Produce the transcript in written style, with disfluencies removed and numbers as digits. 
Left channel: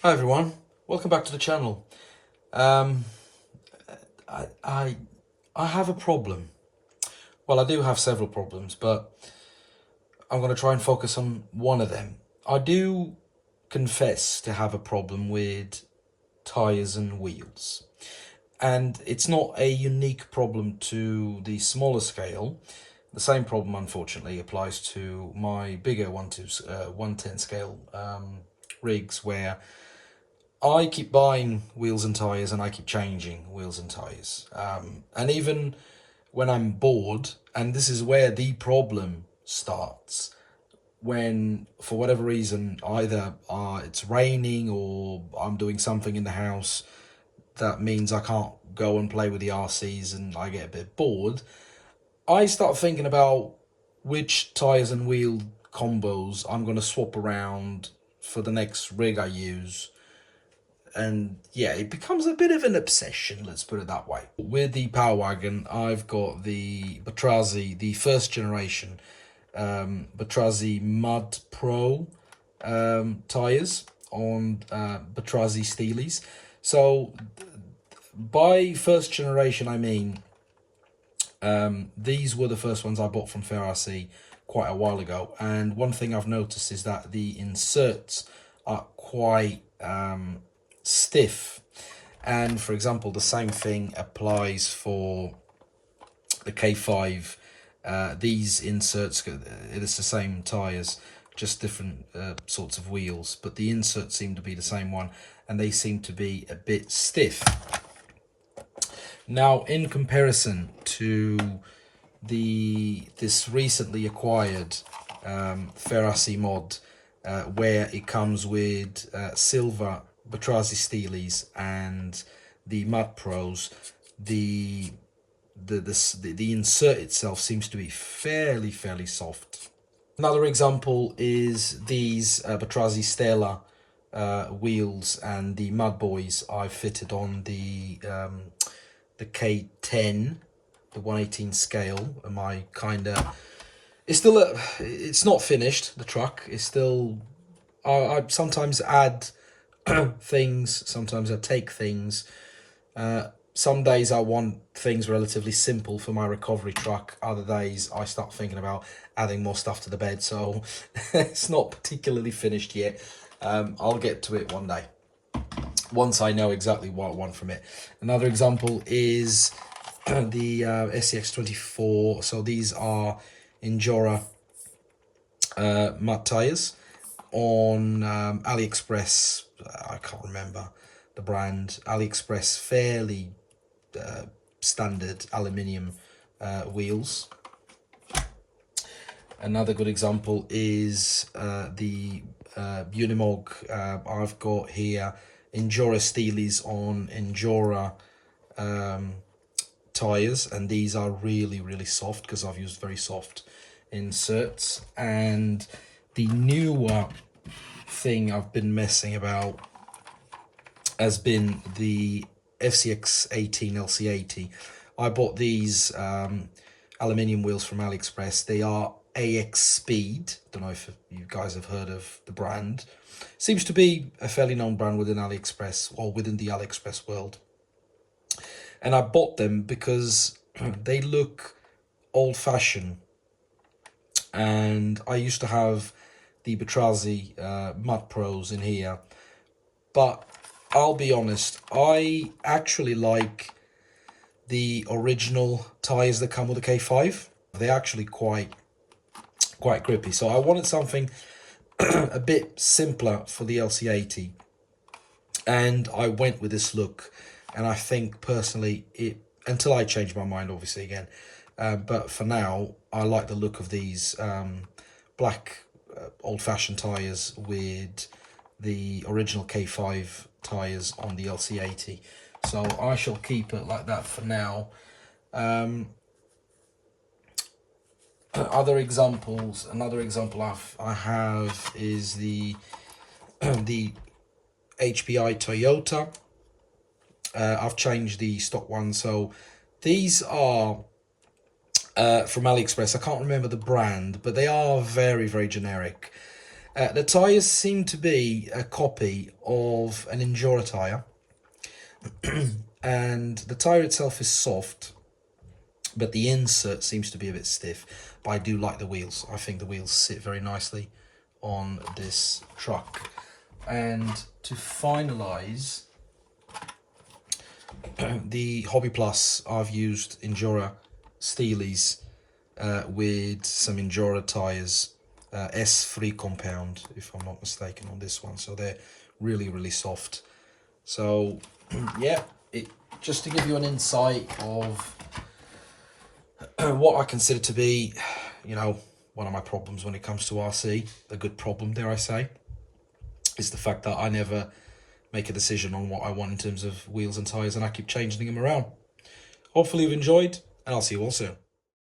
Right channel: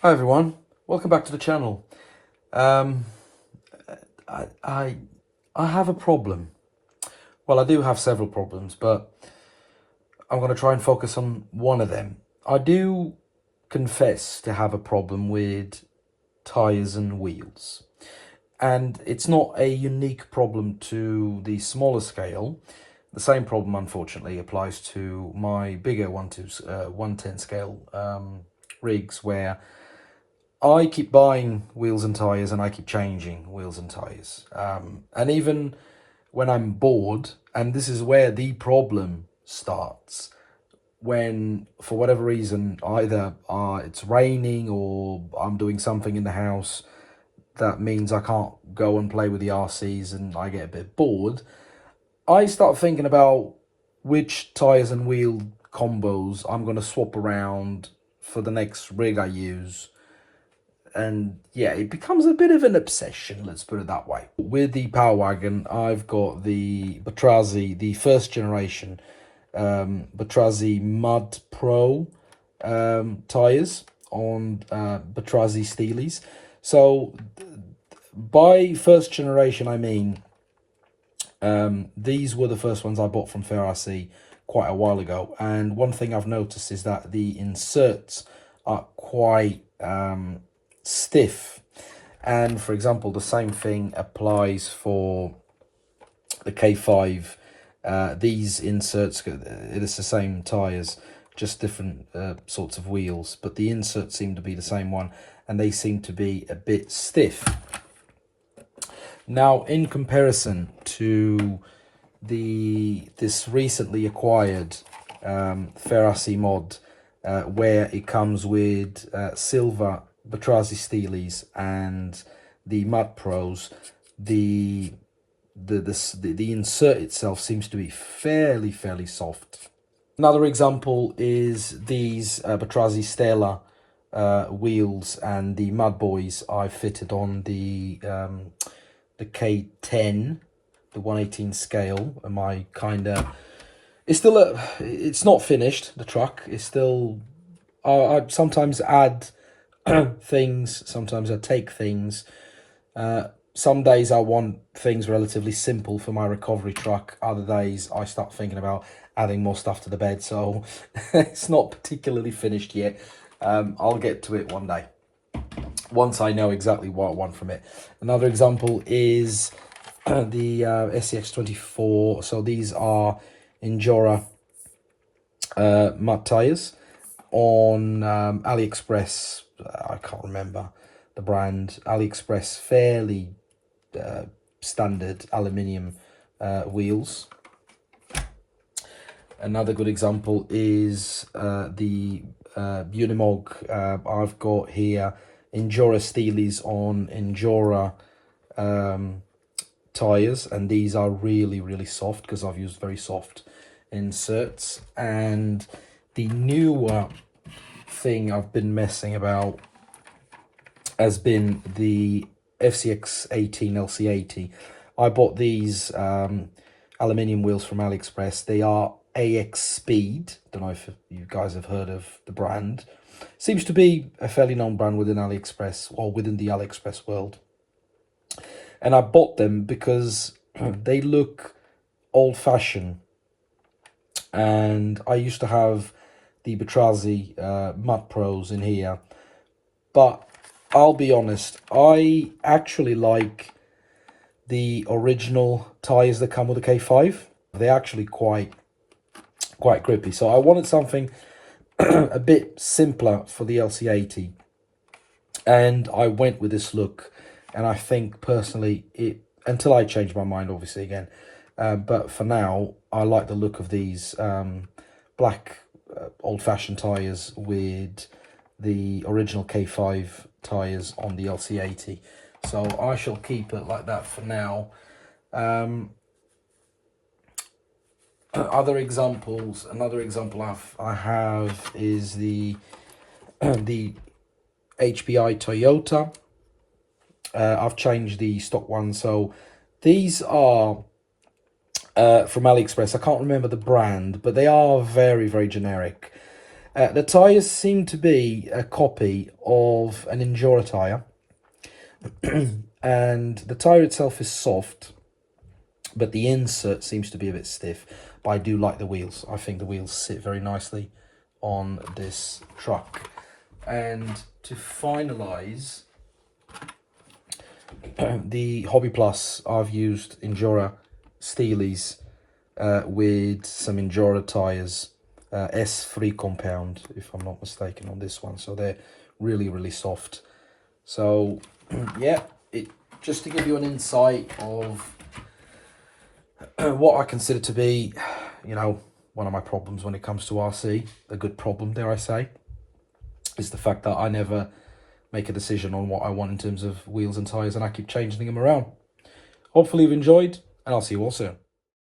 Hi everyone, welcome back to the channel. Um, I have a problem. Well, I do have several problems, but I'm going to try and focus on one of them. I do confess to have a problem with tires and wheels, and it's not a unique problem to the smaller scale. The same problem, unfortunately, applies to my bigger 110 scale rigs, where I keep buying wheels and tires and I keep changing wheels and tires. And even when I'm bored, and this is where the problem starts, when for whatever reason, either it's raining or I'm doing something in the house that means I can't go and play with the RCs and I get a bit bored, I start thinking about which tires and wheel combos I'm going to swap around for the next rig I use. And yeah, it becomes a bit of an obsession, let's put it that way. With the Power Wagon, I've got the Batrazi, the first generation Batrazi Mud Pro tires on Batrazi Steelies. So by first generation, I mean these were the first ones I bought from Ferrari quite a while ago. And one thing I've noticed is that the inserts are quite stiff. And for example, the same thing applies for the K5. These inserts, it's the same tires, just different sorts of wheels, but the inserts seem to be the same one, and they seem to be a bit stiff. Now, in comparison to this recently acquired Ferrari mod, where it comes with silver Batrazi Steelies and the Mud Pros, the insert itself seems to be fairly soft. Another example is these Batrazi Stella wheels and the Mud Boys I've fitted on the K10, the 118 scale. And my it's not finished. The truck is still. I sometimes add things, sometimes I take things. Some days I want things relatively simple for my recovery truck. Other days I start thinking about adding more stuff to the bed. So it's not particularly finished yet. I'll get to it one day, once I know exactly what I want from it. Another example is the SCX24. So these are Injora mud tires on AliExpress. I can't remember the brand. AliExpress, fairly standard aluminium wheels. Another good example is the Unimog. I've got here Injora Steelies on Injora tires, and these are really soft because I've used very soft inserts. And the newer thing I've been messing about has been the FCX18 LC80. I bought these aluminium wheels from AliExpress. They are AX Speed. Don't know if you guys have heard of the brand. Seems to be a fairly known brand within AliExpress, or within the AliExpress world. And I bought them because they look old-fashioned. And I used to have the Batrazi Mud Pros in here. But I'll be honest, I actually like the original tires that come with the K5. They're actually quite grippy. So I wanted something a bit simpler for the LC80. And I went with this look. And I think personally, until I change my mind, obviously, again. But for now, I like the look of these black old-fashioned tires with the original K5 tires on the LC80. So I shall keep it like that for now. Other examples, another example I have is the the HPI Toyota. I've changed the stock one. So these are from AliExpress. I can't remember the brand, but they are very generic. The tyres seem to be a copy of an Endura tyre, and the tyre itself is soft, but the insert seems to be a bit stiff. But I do like the wheels. I think the wheels sit very nicely on this truck. And to finalise the Hobby Plus, I've used Endura Steelies with some Endura tyres, S3 compound, if I'm not mistaken, on this one. So they're really, really soft. So yeah, just to give you an insight of what I consider to be, you know, one of my problems when it comes to RC, a good problem, dare I say, is the fact that I never make a decision on what I want in terms of wheels and tyres, and I keep changing them around. Hopefully you've enjoyed, and I'll see you all soon.